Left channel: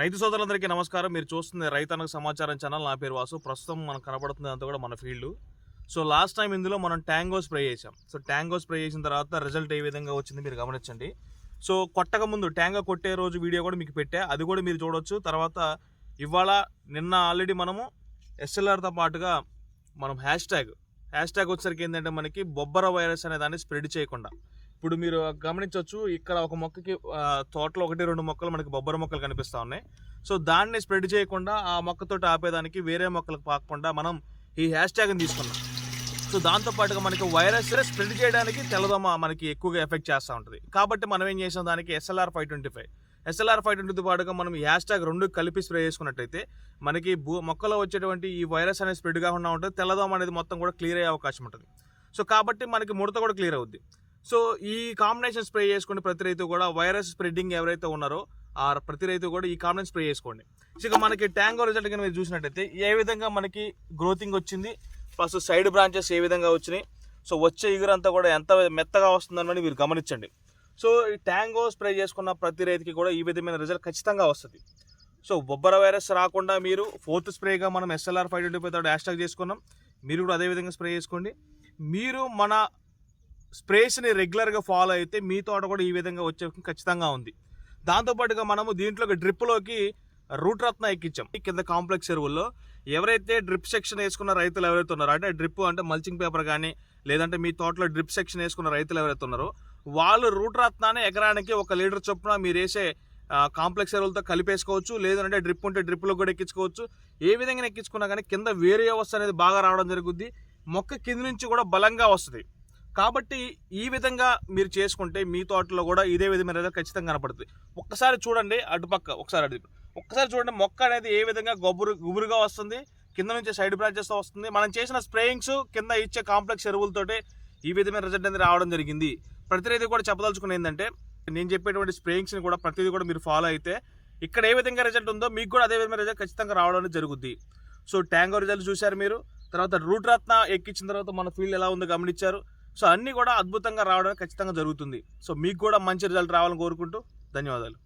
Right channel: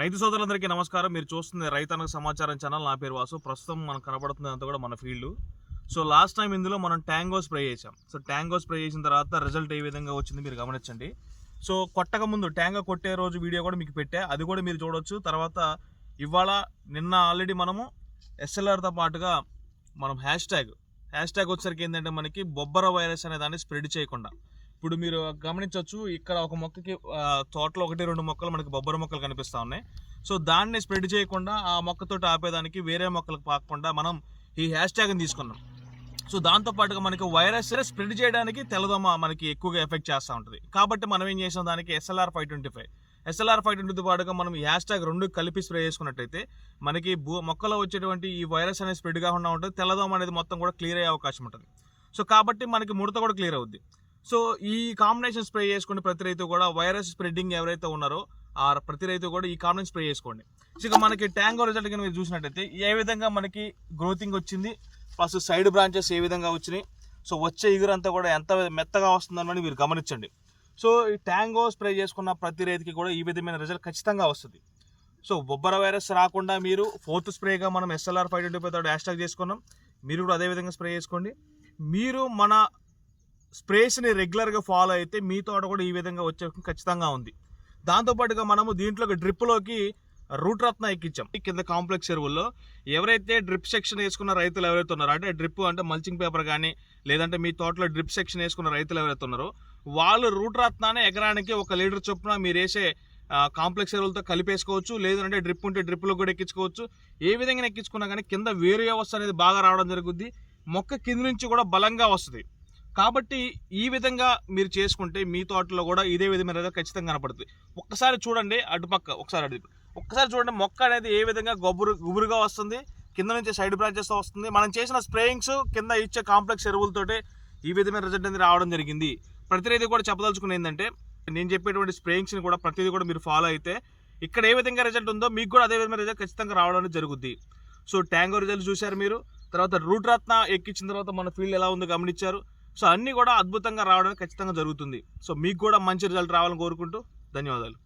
రైతు సోదరులందరికీ నమస్కారం. మీరు చూస్తుంది రైతన్నకు సమాచారం ఛానల్. నా పేరు వాసు. ప్రస్తుతం మనకు కనబడుతుంది అంతా కూడా మన ఫీల్డ్. సో లాస్ట్ టైం ఇందులో మనం ట్యాంగో స్ప్రే చేసాం సో ట్యాంగో స్ప్రే చేసిన తర్వాత రిజల్ట్ ఏ విధంగా వచ్చింది మీరు గమనించండి. సో కొట్టక ముందు ట్యాంగో కొట్టే రోజు వీడియో కూడా మీకు పెట్టా. అది కూడా మీరు చూడొచ్చు. తర్వాత ఇవాళ నిన్న ఆల్రెడీ మనము ఎస్ఎల్ఆర్తో పాటుగా మనం హ్యాష్ ట్యాగ్. హ్యాష్ ట్యాగ్ వచ్చేసరికి ఏంటంటే మనకి బొబ్బర వైరస్ అనే దాన్ని స్ప్రెడ్ చేయకుండా. ఇప్పుడు మీరు గమనించవచ్చు ఇక్కడ ఒక మొక్కకి తోటలో ఒకటి రెండు మొక్కలు మనకి బొబ్బర మొక్కలు కనిపిస్తూ ఉన్నాయి. సో దాన్ని స్ప్రెడ్ చేయకుండా ఆ మొక్కతో ఆపేదానికి వేరే మొక్కలకు పాకకుండా మనం ఈ హ్యాష్ ట్యాగ్ని తీసుకున్నాం. సో దాంతో పాటుగా మనకి వైరస్ స్ప్రెడ్ చేయడానికి తెల్లదోమ మనకి ఎక్కువగా ఎఫెక్ట్ చేస్తూ ఉంటుంది. కాబట్టి మనం ఏం చేసాం దానికి SLR five twenty five. SLR five ట్వంటీతో పాటుగా మనం ఈ హ్యాష్ ట్యాగ్ రెండు కలిపి స్ప్రే చేసుకున్నట్టయితే మనకి భూ మొక్కలో వచ్చేటువంటి ఈ వైరస్ అనేది స్ప్రెడ్ కాకుండా ఉంటుంది. తెల్లదోమ అనేది మొత్తం కూడా క్లియర్ అయ్యే అవకాశం ఉంటుంది. సో కాబట్టి మనకి ముడత కూడా క్లియర్ అవుద్ది. సో ఈ కాంబినేషన్ స్ప్రే చేసుకుని ప్రతి రైతు కూడా వైరస్ స్ప్రెడ్డింగ్ ఎవరైతే ఉన్నారో ఆ ప్రతి రైతు కూడా ఈ కాంబినేషన్ స్ప్రే చేసుకోండి. ఇక మనకి ట్యాంగో రిజల్ట్ కనుక మీరు చూసినట్టయితే ఏ విధంగా మనకి గ్రోతింగ్ వచ్చింది ప్లస్ సైడ్ బ్రాంచెస్ ఏ విధంగా వచ్చినాయి సో వచ్చే ఇగురంతా కూడా ఎంత మెత్తగా వస్తుందని మీరు గమనించండి. సో ఈ ట్యాంగో స్ప్రే చేసుకున్న ప్రతి రైతుకి కూడా ఈ విధమైన రిజల్ట్ ఖచ్చితంగా వస్తుంది. సో బొబ్బర వైరస్ రాకుండా మీరు ఫోర్త్ స్ప్రేగా మనం SLR five twenty five hashtag చేసుకున్నాం మీరు కూడా అదే విధంగా స్ప్రే చేసుకోండి. మీరు మన స్ప్రేస్ని రెగ్యులర్గా ఫాలో అయితే మీ తోట కూడా ఈ విధంగా వచ్చే ఖచ్చితంగా ఉంది. దాంతోపాటుగా మనము దీంట్లోకి డ్రిప్లోకి రూట్ రత్న ఎక్కించాం. కింద కాంప్లెక్స్ ఎరువుల్లో ఎవరైతే డ్రిప్ సెక్షన్ వేసుకున్న రైతులు ఎవరైతే ఉన్నారో అంటే డ్రిప్ అంటే మల్చింగ్ పేపర్ కానీ లేదంటే మీ తోటలో డ్రిప్ సెక్షన్ వేసుకున్న రైతులు ఎవరైతే ఉన్నారో వాళ్ళు రూట్ రత్నాన్ని ఎకరానికి ఒక లీటర్ చొప్పున మీరు వేసే కాంప్లెక్స్ ఎరువులతో కలిపేసుకోవచ్చు లేదంటే డ్రిప్ ఉంటే డ్రిప్లో కూడా ఎక్కించుకోవచ్చు. ఏ విధంగా ఎక్కించుకున్నా కానీ కింద వేరు వ్యవస్థ అనేది బాగా రావడం జరుగుద్ది. మొక్క కింద నుంచి కూడా బలంగా వస్తుంది. కాబట్టి ఈ విధంగా మీరు చేసుకుంటే మీ తోటలో కూడా ఇదే విధమైన రిజల్ట్ ఖచ్చితంగా కనపడుతుంది. ఒక్కసారి చూడండి అటుపక్క ఒకసారి అటు ఒక్కసారి చూడండి మొక్క అనేది ఏ విధంగా గొబ్బరు గుబురుగా వస్తుంది కింద నుంచి సైడ్ బ్రాంచెస్తో వస్తుంది. మనం చేసిన స్ప్రేయింగ్స్ కింద ఇచ్చే కాంప్లెక్స్ ఎరువులతోటి ఈ విధమైన రిజల్ట్ అనేది రావడం జరిగింది. ప్రతి కూడా చెప్పదలుచుకుని ఏంటంటే నేను చెప్పేటువంటి స్ప్రేయింగ్స్ని కూడా ప్రతిదీ కూడా మీరు ఫాలో అయితే ఇక్కడ ఏ విధంగా రిజల్ట్ ఉందో మీకు కూడా అదే విధమైన రిజల్ట్ ఖచ్చితంగా రావడం అనేది జరుగుద్ది. సో ట్యాంగో రిజల్ట్ చూశారు మీరు. తర్వాత రూట్ రత్న ఎక్కించిన తర్వాత మన ఫీల్డ్ ఎలా ఉందో గమనించారు. సో అన్నీ కూడా అద్భుతంగా రావడం ఖచ్చితంగా జరుగుతుంది. సో మీకు కూడా మంచి రిజల్ట్ రావాలని కోరుకుంటూ ధన్యవాదాలు.